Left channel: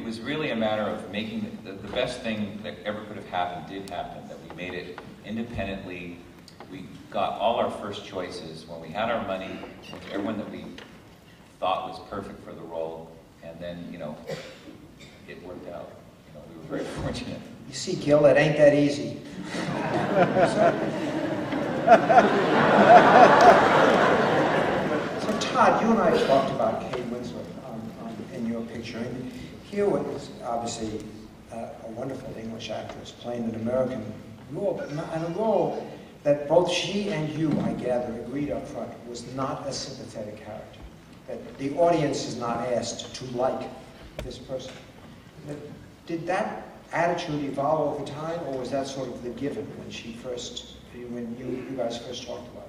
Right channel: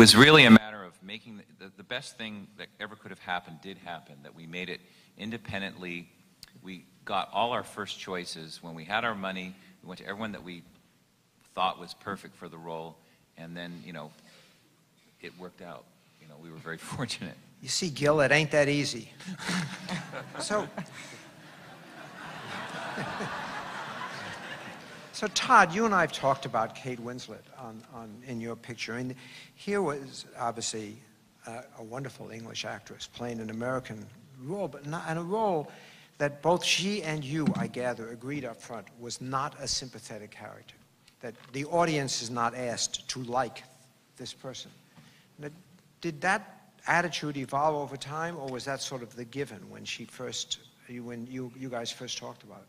was really a matter of making the best thing that ever could have happened did happen, that we made it independently. We got all our first choices when we had our money, went to everyone that we thought was perfect for the role, and then, you know, it worked out. You know, we were very fortunate. You see, Gil, it ain't that easy. So Todd, you and I talked about Kate Winslet in your picture, and here was obviously a wonderful English actress playing an American role, and a role that both she and you, I gather, agreed up front was not a sympathetic character. That the audience is not asked to like this person. Did that attitude evolve over time, or was that sort of the given when you guys first talked about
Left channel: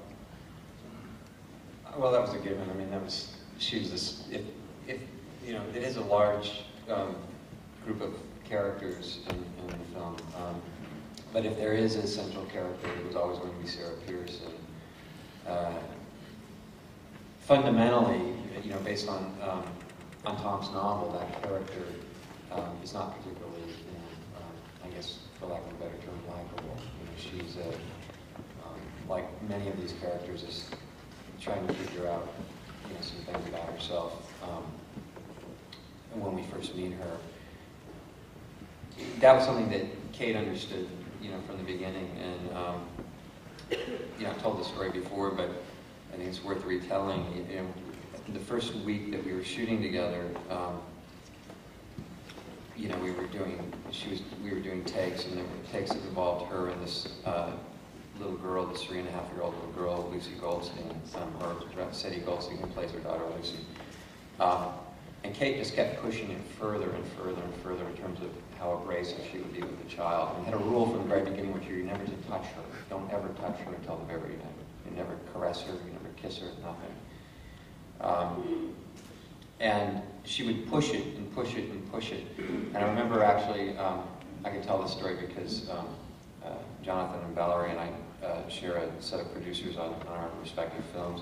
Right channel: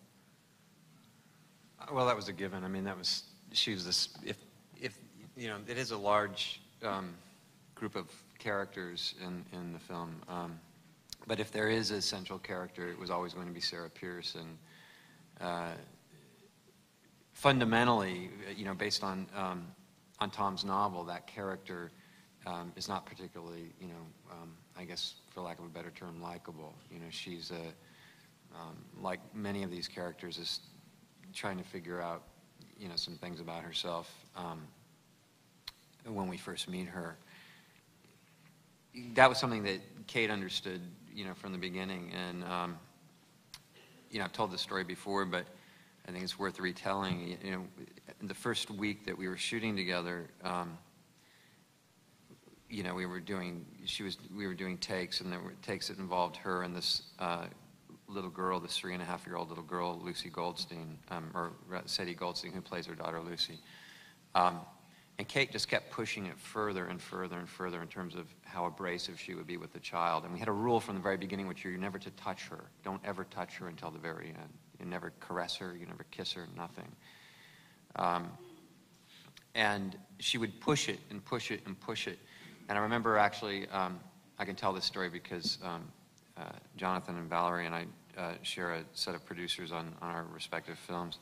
it? Well, that was a given. I mean, she was this. You know, it is a large group of characters in the film. But if there is a central character, it was always going to be Sarah Pierce. And fundamentally, you know, based on Tom's novel, that character is not particularly, you know, I guess, for lack of a better term, likable. You know, she's like many of these characters, is trying to figure out, you know, some things about herself. When we first meet her, that was something that Kate understood, you know, from the beginning. And you know, I told the story before, but I think it's worth retelling. You know, in the first week that we were shooting together, you know, we were doing takes, and there were takes that involved her and this little girl, this 3.5-year-old little girl, Lucy Goldstein, or Sadie Goldstein, who plays her daughter Lucy. And Kate just kept pushing it further and further and further in terms of how abrasive she would be with the child. We had a rule from the very beginning, which you're never to touch her. Don't ever touch her until the very end. You never caress her, you never kiss her, nothing. And she would push it and push it and push it. And I remember actually, I can tell this story because Jonathan and Valerie and I share a set of producers on our respective films.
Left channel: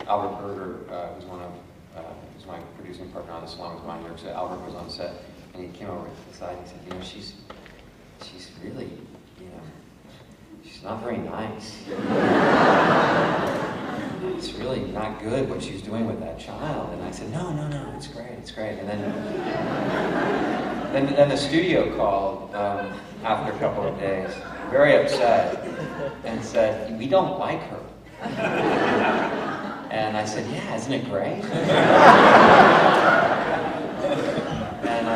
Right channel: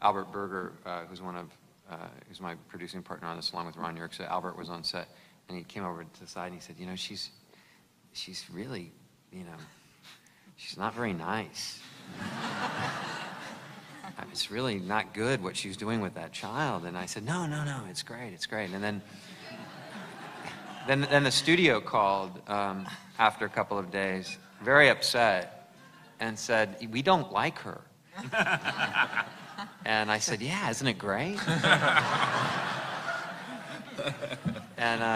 Albert Berger was was my producing partner on this one with my jerk. So Albert was on set, and he came over to the side and said, you know, she's really, you know, she's not very nice. It's really not good what she's doing with that child. And I said, no, it's great. And then the studio called after a couple of days, very upset, and said, we don't like her. And I said, yeah, isn't it great? And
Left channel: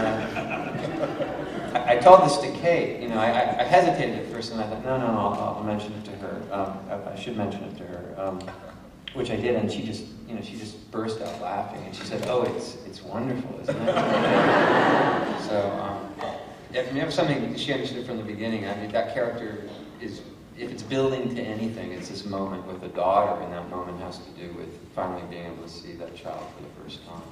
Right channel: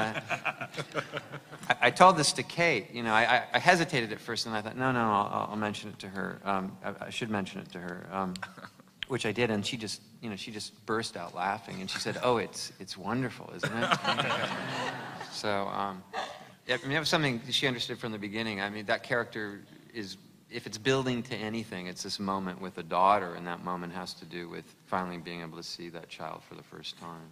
I told this to Kate. You know, I hesitated at first, and I thought, no, I'll mention it to her. I should mention it to her, which I did, and she just burst out laughing, and she said, oh, it's wonderful, isn't it? So, yeah, I mean, it was something that she understood from the beginning. I mean, that character is, if it's building to anything, it's this moment with the daughter, and that moment has to do with finally being able to see that child for the first time.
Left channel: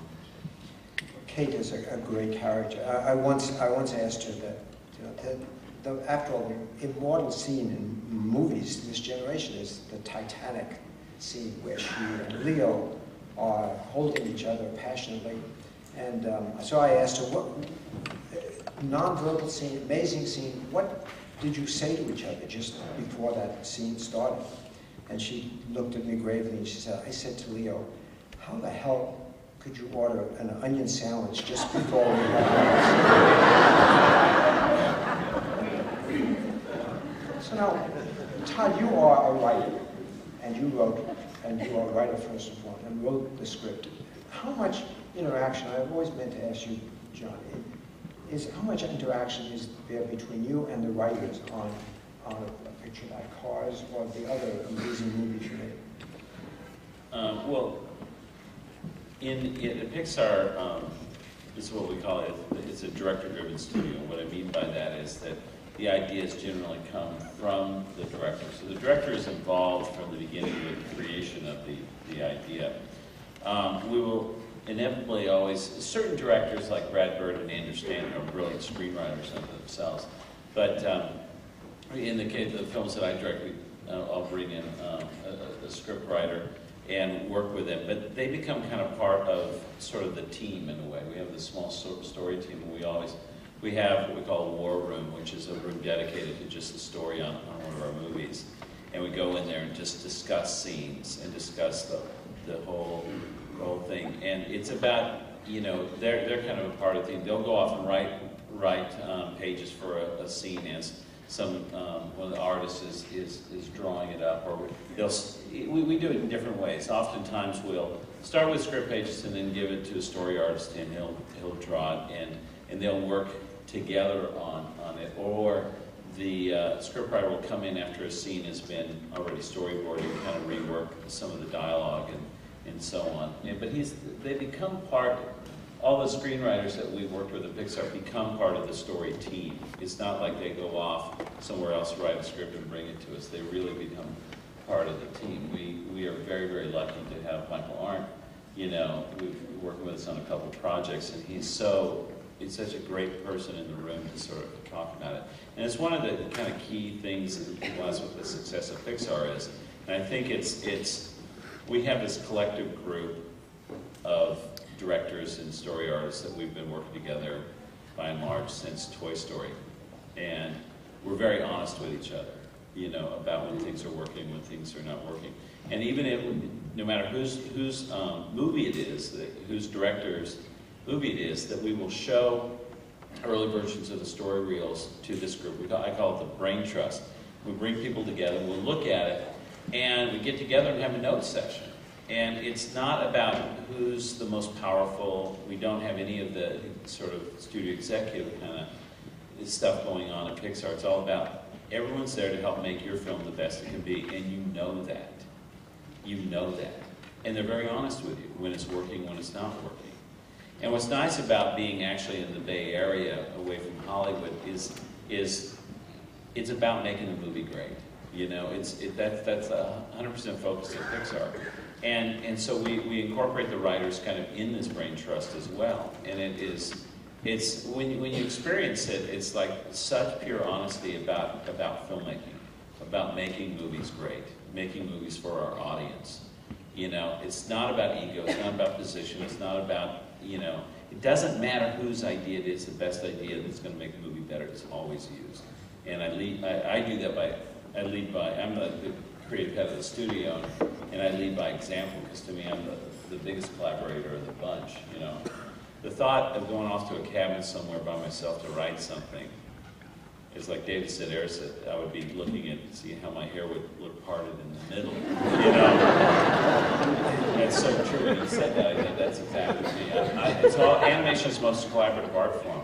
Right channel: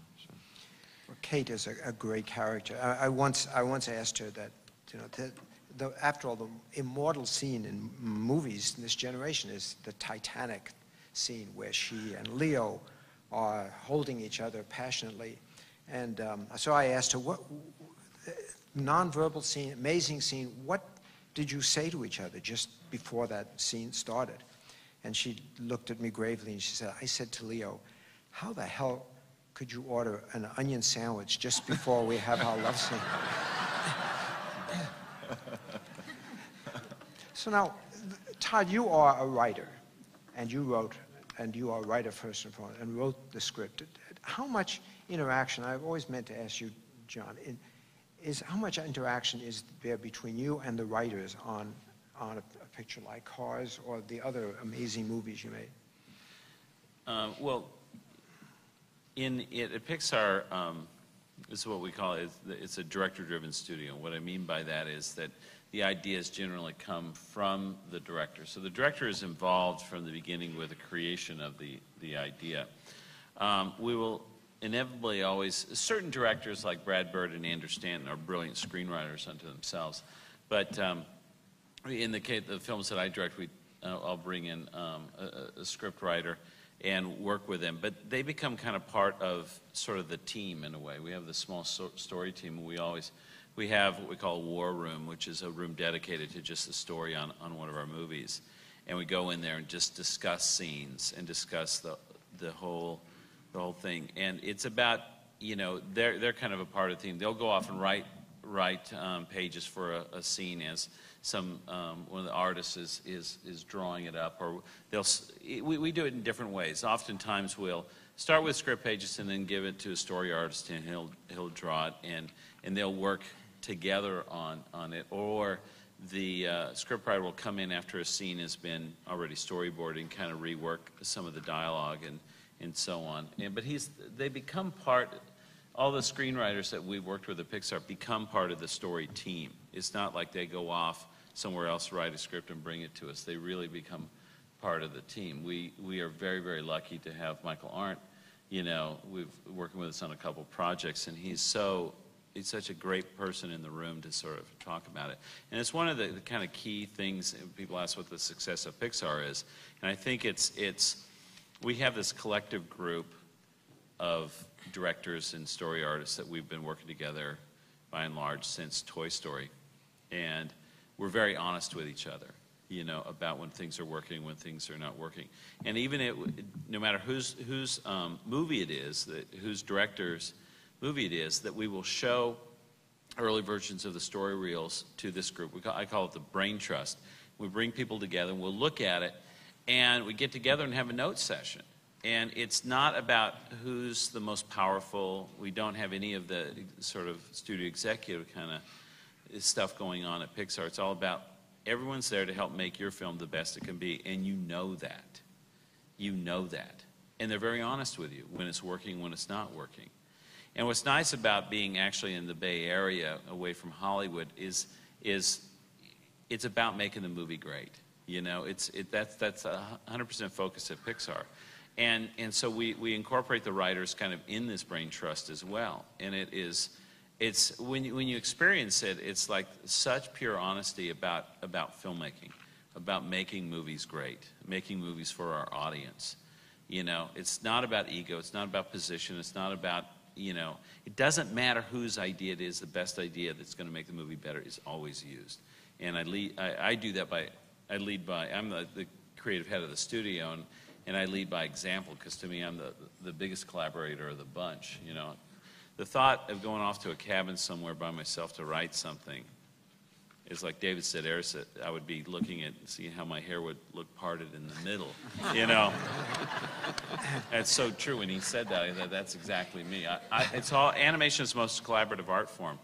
Kate is a great character. I once asked her that, you know, after all, the immortal scene in movies this generation is the Titanic scene where she and Leo are holding each other passionately. And so I asked her, what non-verbal scene, amazing scene, what did you say to each other just before that scene started? And she looked at me gravely and she said, I said to Leo, how the hell could you order an onion sandwich just before we had So now, Todd, you are a writer, and you are a writer first of all, and wrote the script. How much interaction, I've always meant to ask you, John, how much interaction is there between you and the writers on a picture like Cars or the other amazing movies you made? Well, in Pixar, this is what we call it, it's a director-driven studio. What I mean by that is that the ideas generally come from the director. So the director is involved from the beginning with the creation of the idea. We will inevitably always, certain directors like Brad Bird and Andrew Stanton are brilliant screenwriters themselves. But in the case of the films that I direct, I'll bring in a script writer. and work with them. But they become kind of part of sort of the team in a way. We have this small story team. We have what we call a war room, which is a room dedicated to just the story on one of our movies. And we go in there and just discuss scenes and discuss the whole thing. And it's about, they're kind of a part of the team. They'll go off and write pages for a scene as one of the artists is drawing it up, or we do it in different ways. Oftentimes we'll start with script pages and then give it to a story artist, and he'll draw it, and they'll work together on it. Or the scriptwriter will come in after a scene has been already storyboarded and kind of rework some of the dialogue and so on. But they become part. All the screenwriters that we've worked with at Pixar become part of the story team. It's not like they go off somewhere else to write a script and bring it to us. They really become part of the team. We are very, very lucky to have Michael Arndt. We've worked with us on a couple of projects, and he's such a great person in the room to sort of talk about it. And it's one of the kind of key things that people ask what the success of Pixar is. And I think we have this collective group of directors and story artists that we've been working together by and large since Toy Story. And we're very honest with each other, about when things are working, when things are not working. And even no matter whose movie it is, whose director's movie it is, that we will show early versions of the story reels to this group. I call it the brain trust. We bring people together, we'll look at it, and we get together and have a notes session. And it's not about who's the most powerful. We don't have any of the sort of studio executive kind of stuff going on at Pixar. It's all about everyone's there to help make your film the best it can be, and you know that. And they're very honest with you when it's working, when it's not working. And what's nice about being actually in the Bay Area, away from Hollywood, is it's about making the movie great. That's 100% focused at Pixar. And so we incorporate the writers kind of in this brain trust as well. And it's when you experience it, it's like such pure honesty about filmmaking, about making movies great, making movies for our audience. It's not about ego, it's not about position, it's not about, it doesn't matter whose idea it is, the best idea that's going to make the movie better is always used. And I do that I'm the creative head of the studio, and I lead by example, because to me I'm the biggest collaborator of the bunch. The thought of going off to a cabin somewhere by myself to write something is like Davidson said, I would be looking at see how my hair would look parted in the middle. That's so true when you said that. That's exactly me. It's all animation's most collaborative art form,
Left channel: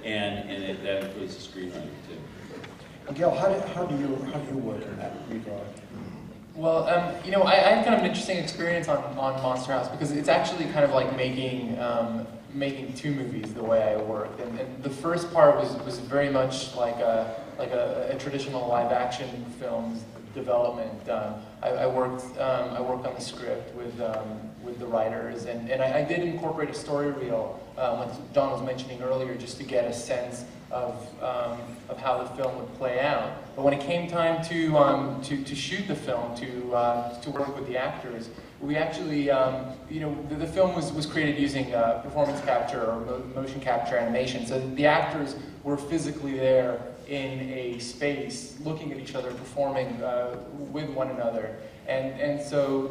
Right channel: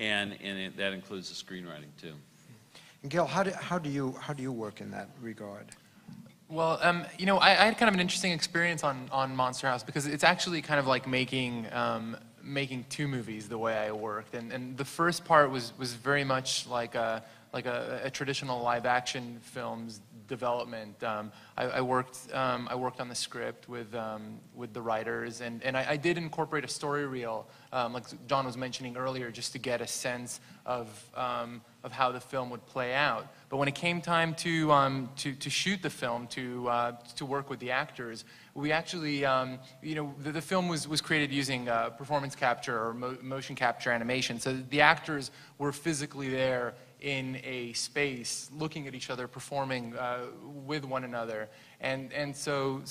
and that includes the screenwriting too. Miguel, how do you work in that regard? Well, I had kind of an interesting experience on Monster House, because it's actually kind of like making two movies the way I worked. And the first part was very much like a traditional live action film's development. I worked on the script with the writers, and I did incorporate a story reel, like John was mentioning earlier, just to get a sense of how the film would play out. But when it came time to shoot the film, to work with the actors, we actually, the film was created using performance capture or motion capture animation. So the actors were physically there in a space, looking at each other, performing with one another, and so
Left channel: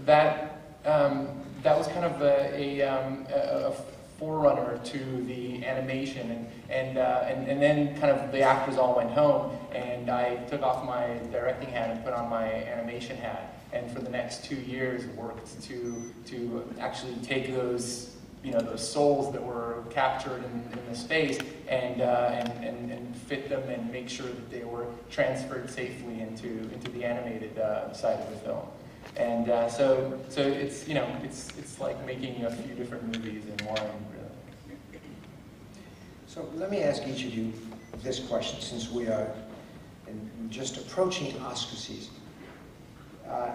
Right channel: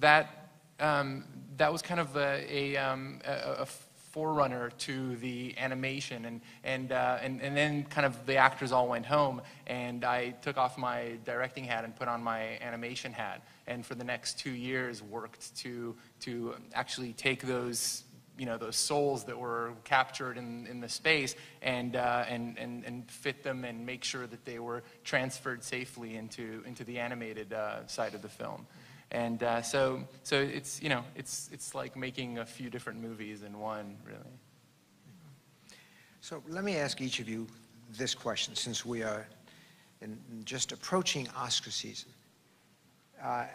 that was kind of a forerunner to the animation, and then kind of the actors all went home, and I took off my directing hat and put on my animation hat, and for the next 2 years worked to actually take those those souls that were captured in the space and fit them and make sure that they were transferred safely into the animated side of the film. And so it's it's like making a few different movies in one. So let me ask each of you this question, since we are just approaching Oscar season.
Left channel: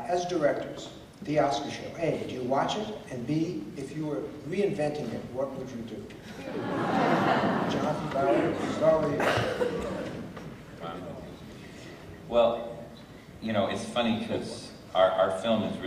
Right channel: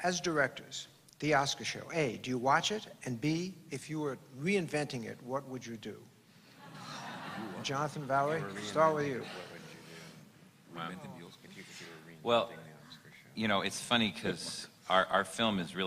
As directors, the Oscar show, A, do you watch it? And B, if you were reinventing it, what would you do? Jonathan, Valerie, start with you. Well, it's funny because our film is really